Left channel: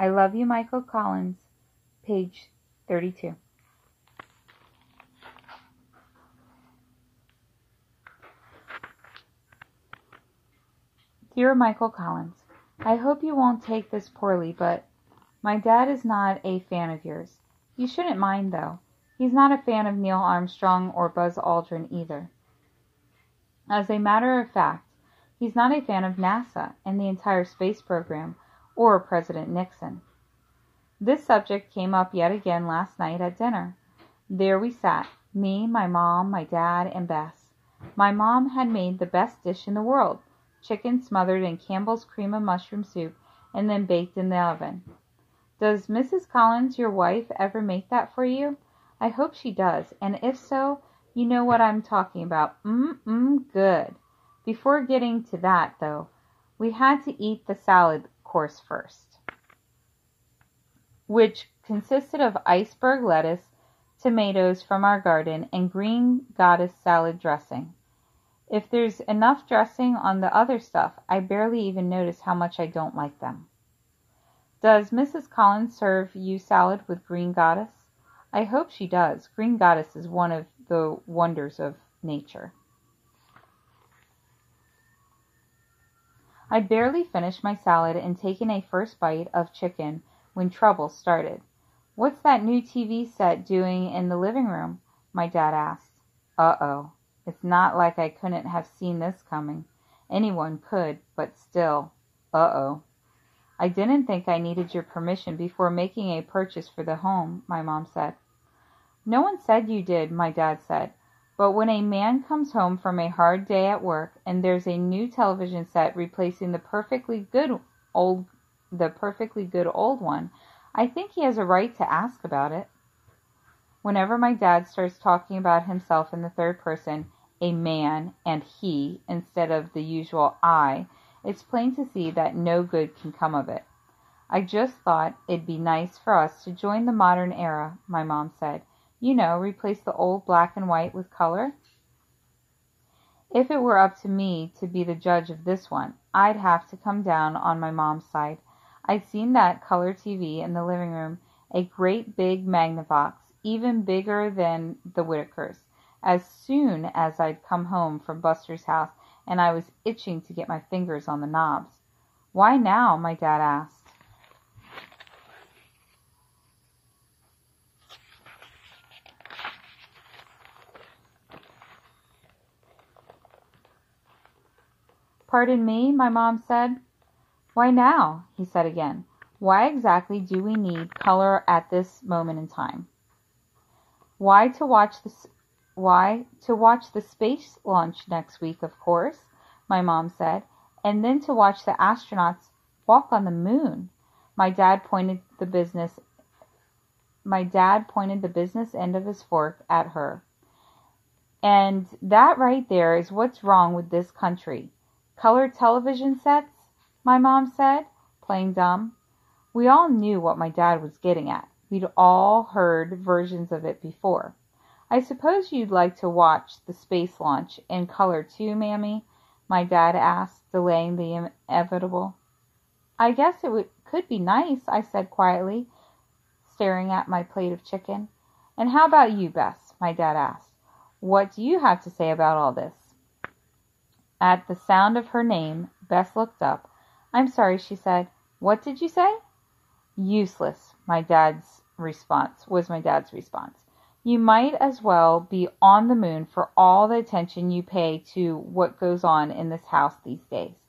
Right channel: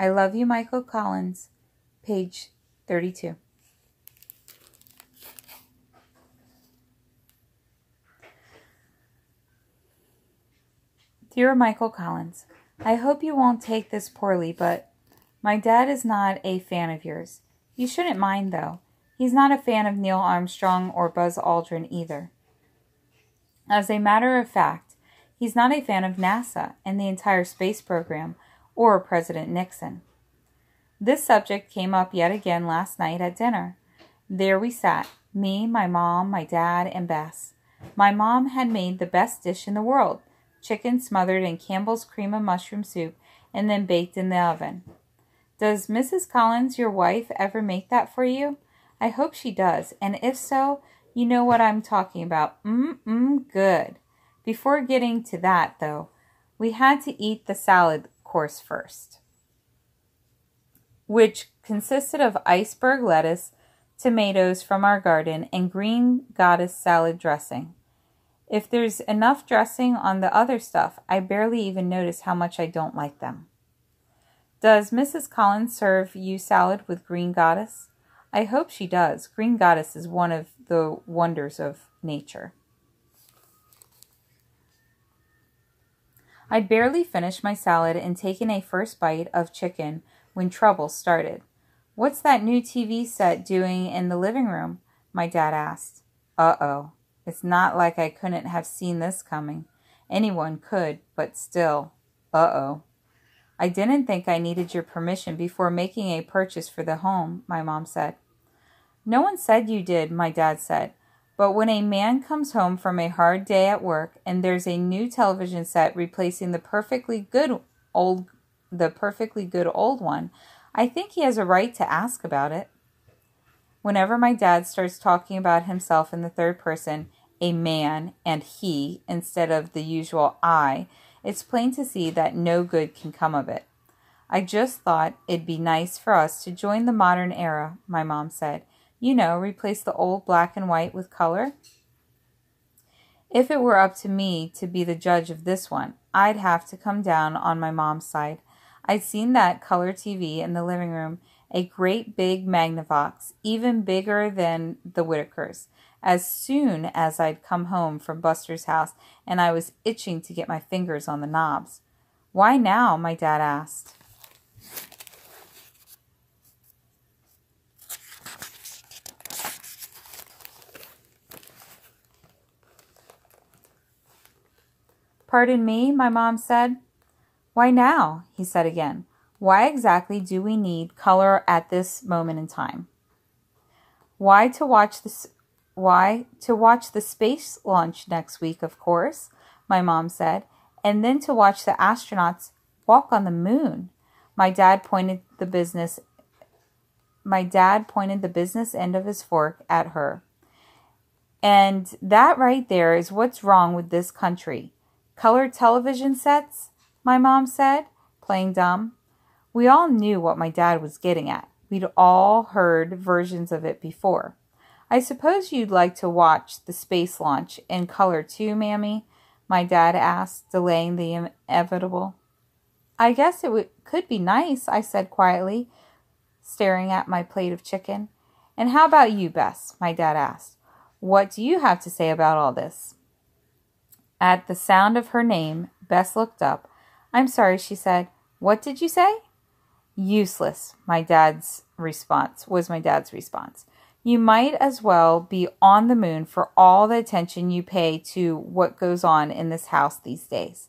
I love you, Michael Collins. Page 32. Dear Michael Collins, I hope you won't take this poorly, but my dad is not a fan of yours. You shouldn't mind, though. He's not a fan of Neil Armstrong or Buzz Aldrin either. As a matter of fact, he's not a fan of NASA and the entire space program or President Nixon. This subject came up yet again last night at dinner. There we sat, me, my mom, my dad, and Bess. My mom had made the best dish in the world, chicken smothered in Campbell's cream of mushroom soup and then baked in the oven. Does Mrs. Collins, your wife, ever make that for you? I hope she does, and if so, you know what I'm talking about. Good. Before getting to that, though, we had to eat the salad course first, which consisted of iceberg lettuce, tomatoes from our garden, and green goddess salad dressing. If there's enough dressing on the other stuff, I barely even notice how much I don't like them. Does Mrs. Collins serve you salad with green goddess? I hope she does. Green goddess is one of the wonders of nature. I'd barely finished my salad and taken a first bite of chicken when trouble started. What's that new TV set doing in the living room? My dad asked. Uh-oh. It's not like I couldn't have seen this coming. Anyone could, but still. Uh-oh. I didn't think I needed your permission before making a purchase for the home, my mom said. No one said you did, my dad said. But when a man comes home from a hard day at work and there's a new television set replacing the perfectly good old one, I think he has a right to ask about it. Whenever my dad starts talking about himself in the third person, a man and he, instead of the usual I, it's plain to see that no good can come of it. I just thought it'd be nice for us to join the modern era, my mom said. You know, replace the old black and white with color. If it were up to me to be the judge of this one, I'd have to come down on my mom's side. I'd seen that color TV in the living room, a great big Magnavox, even bigger than the Whitakers, as soon as I'd come home from Buster's house, and I was itching to get my fingers on the knobs. Why now? My dad asked. Pardon me, my mom said. Why now? He said again. Why exactly do we need color at this moment in time? Why to watch the space launch next week, of course, my mom said, and then to watch the astronauts walk on the moon. My dad pointed the business end of his fork at her. And that right there is what's wrong with this country. Color television sets, my mom said, playing dumb. We all knew what my dad was getting at. We'd all heard versions of it before. I suppose you'd like to watch the space launch in color too, Mammy? My dad asked, delaying the inevitable. I guess it could be nice, I said quietly, staring at my plate of chicken. And how about you, Bess? My dad asked. What do you have to say about all this? At the sound of her name, Bess looked up. I'm sorry, she said. What did you say? Useless, was my dad's response. You might as well be on the moon for all the attention you pay to what goes on in this house these days.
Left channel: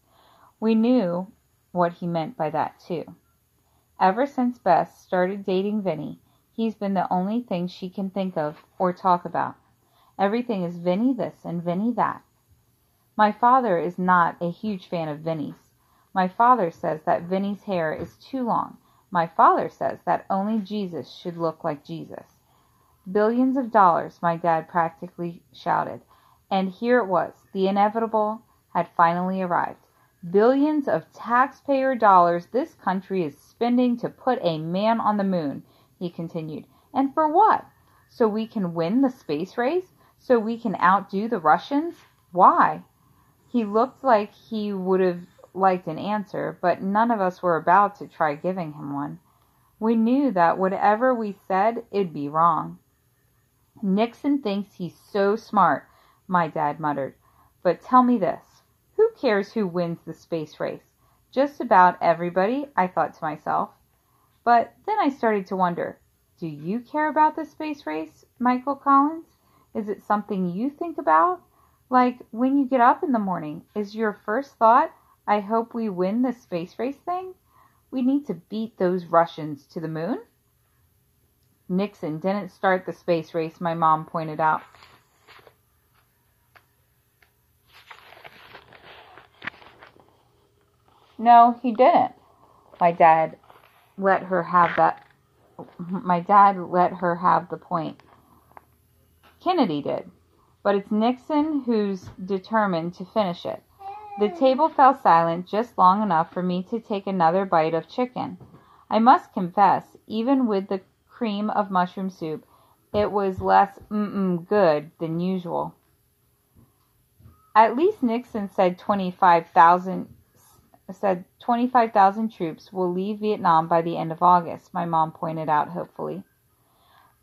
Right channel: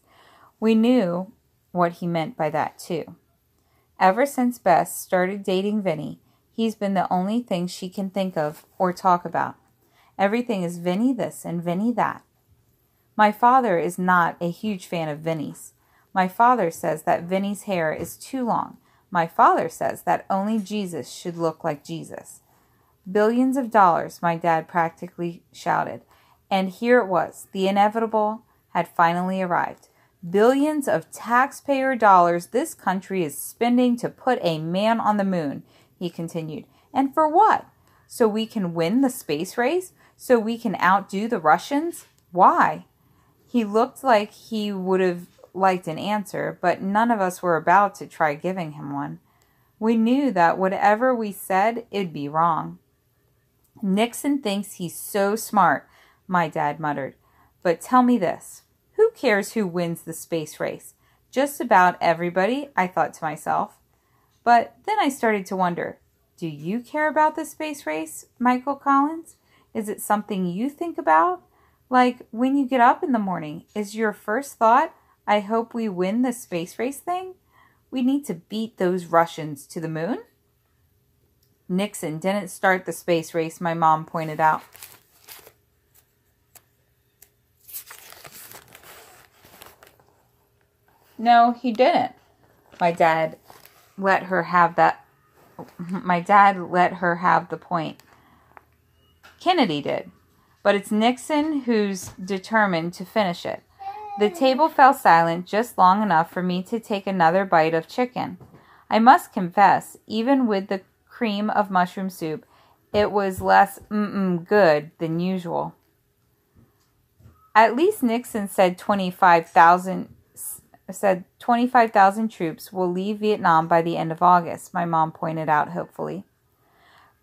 We knew what he meant by that, too. Ever since Bess started dating Vinny, he's been the only thing she can think of or talk about. Everything is Vinny this and Vinny that. My father is not a huge fan of Vinny's. My father says that Vinny's hair is too long. My father says that only Jesus should look like Jesus. Billions of dollars, my dad practically shouted. And here it was. The inevitable had finally arrived. Billions of taxpayer dollars this country is spending to put a man on the moon, he continued. And for what? So we can win the space race? So we can outdo the Russians? Why? He looked like he would have liked an answer, but none of us were about to try giving him one. We knew that whatever we said, it'd be wrong. Nixon thinks he's so smart, my dad muttered. But tell me this. Who cares who wins the space race? Just about everybody, I thought to myself. But then I started to wonder, do you care about the space race, Michael Collins? Is it something you think about? Like when you get up in the morning, is your first thought, I hope we win the space race thing? We need to beat those Russians to the moon? Nixon didn't start the space race, my mom pointed out. No, he didn't. My dad let her have the point. Kennedy did. But it's Nixon who's determined to finish it. The table fell silent just long enough for me to take another bite of chicken. I must confess, even with the cream of mushroom soup, it was less good than usual. At least Nixon said 25,000 troops will leave Vietnam by the end of August, my mom pointed out hopefully.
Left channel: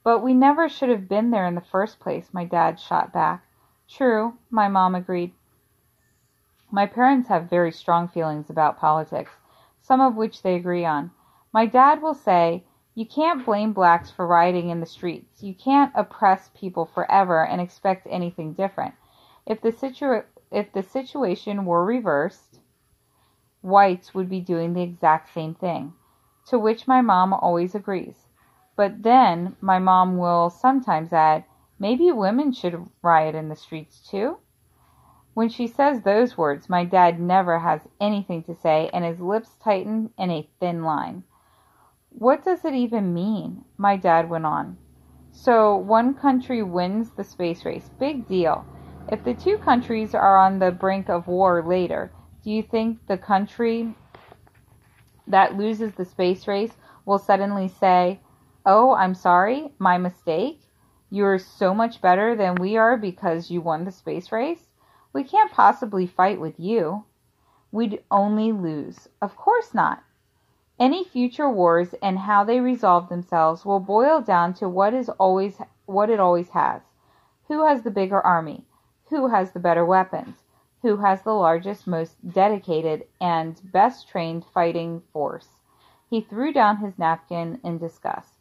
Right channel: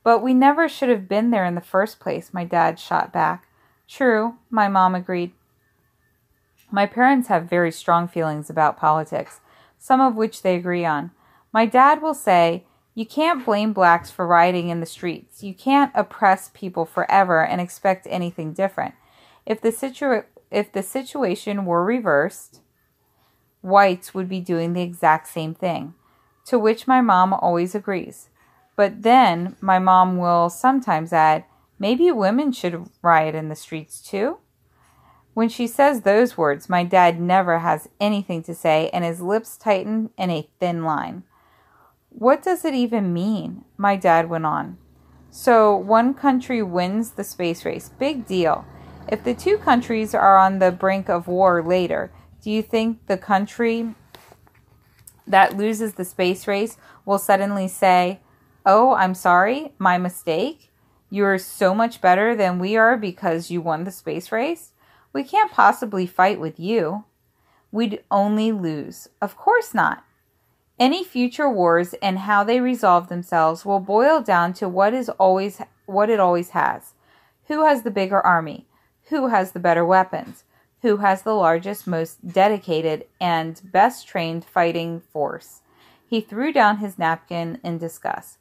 But we never should have been there in the first place, my dad shot back. True, my mom agreed. My parents have very strong feelings about politics, some of which they agree on. My dad will say, you can't blame blacks for rioting in the streets. You can't oppress people forever and expect anything different. If the situation were reversed, whites would be doing the exact same thing, to which my mom always agrees. But then my mom will sometimes add, maybe women should riot in the streets too? When she says those words, my dad never has anything to say and his lips tighten in a thin line. What does it even mean? My dad went on. So one country wins the space race. Big deal. If the two countries are on the brink of war later, do you think the country that loses the space race will suddenly say, oh, I'm sorry, my mistake? You're so much better than we are because you won the space race? We can't possibly fight with you. We'd only lose. Of course not. Any future wars and how they resolve themselves will boil down to what it always has. Who has the bigger army? Who has the better weapons? Who has the largest, most dedicated, and best trained fighting force? He threw down his napkin in disgust.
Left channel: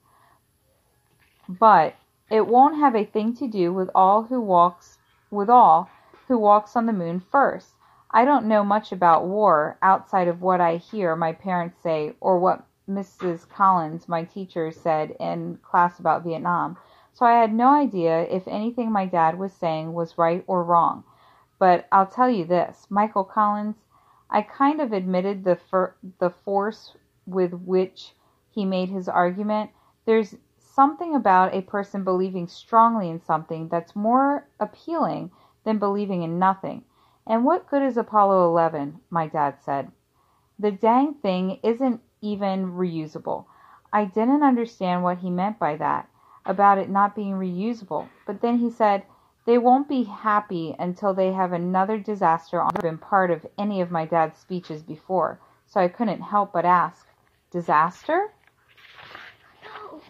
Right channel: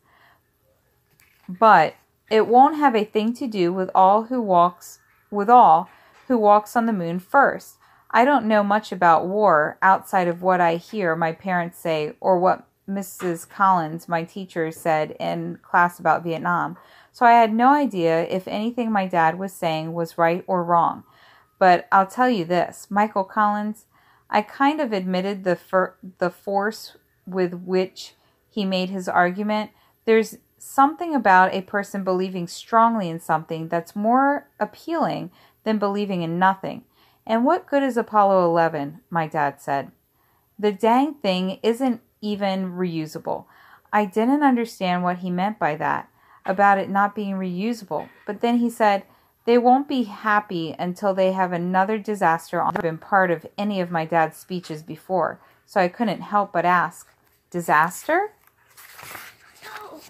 But it won't have a thing to do with all who walks on the moon first. I don't know much about war outside of what I hear my parents say or what Mrs. Collins, my teacher, said in class about Vietnam. So I had no idea if anything my dad was saying was right or wrong. But I'll tell you this, Michael Collins, I kind of admitted the force with which he made his argument. There's something about a person believing strongly in something that's more appealing than believing in nothing. And what good is Apollo 11, my dad said. The dang thing isn't even reusable. I didn't understand what he meant by that, about it not being reusable. But then he said, they won't be happy until they have another disaster on. I've been part of any of my dad's speeches before, so I couldn't help but ask, disaster? No.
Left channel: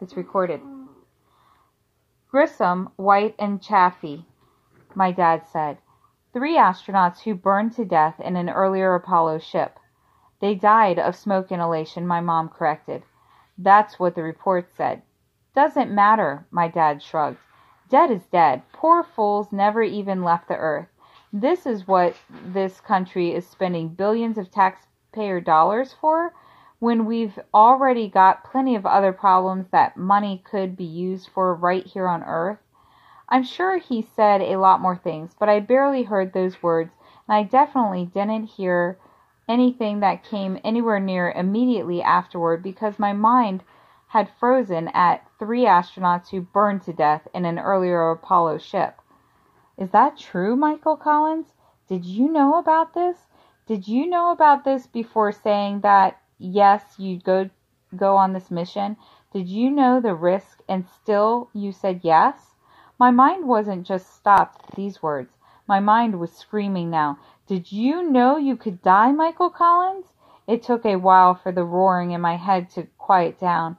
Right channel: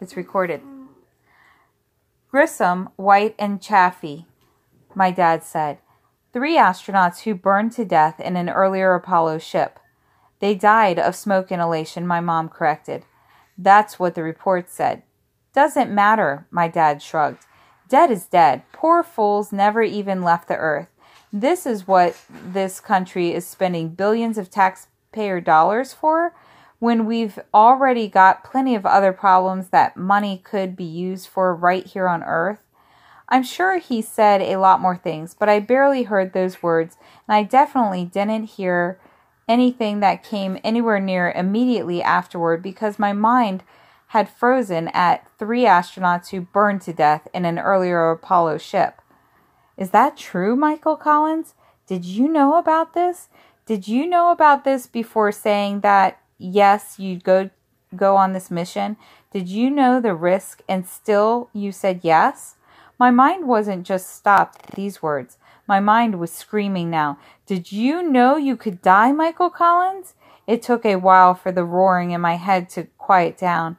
It's recorded. Grissom, White, and Chaffee, my dad said. 3 astronauts who burned to death in an earlier Apollo ship. They died of smoke inhalation, my mom corrected. That's what the report said. Doesn't matter, my dad shrugged. Dead is dead. Poor fools never even left the earth. This is what this country is spending billions of taxpayer dollars for, when we've already got plenty of other problems that money could be used for right here on earth. I'm sure he said a lot more things, but I barely heard those words, and I definitely didn't hear anything that came anywhere near immediately afterward because my mind had frozen at 3 astronauts who burned to death in an earlier Apollo ship. Is that true, Michael Collins? Did you know about this? Did you know about this before saying that, yes, you'd go on this mission? Did you know the risk and still you said yes? My mind wasn't just stopped at these words. My mind was screaming now. Did you know you could die, Michael Collins? It took a while for the roaring in my head to quiet down.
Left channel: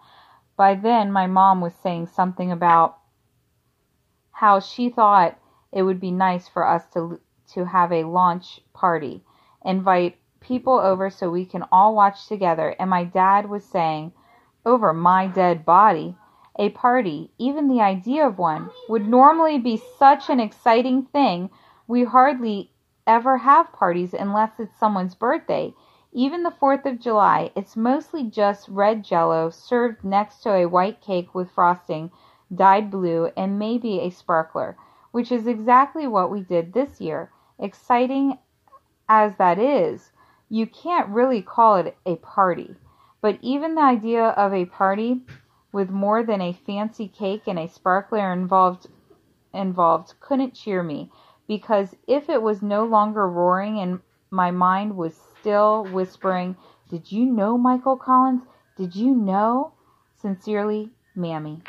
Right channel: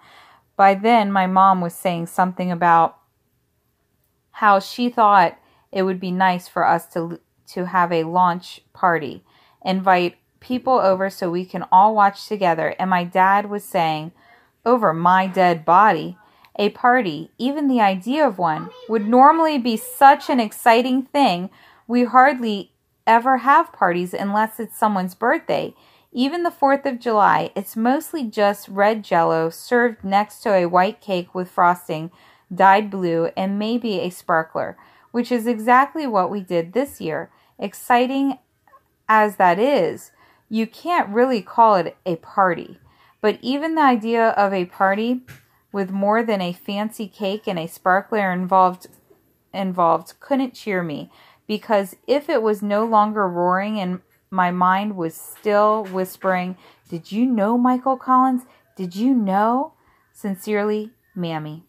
By then, my mom was saying something about how she thought it would be nice for us to have a launch party, invite people over so we can all watch together. And my dad was saying, over my dead body, a party, even the idea of one, would normally be such an exciting thing. We hardly ever have parties unless it's someone's birthday. Even the 4th of July, it's mostly just red Jell-O served next to a white cake with frosting dyed blue and maybe a sparkler, which is exactly what we did this year. Exciting as that is, you can't really call it a party. But even the idea of a party with more than a fancy cake and a sparkler involved couldn't cheer me, because if it was no longer roaring and my mind was still whispering, "Did you know, Michael Collins? Did you know?" Sincerely, Mammy.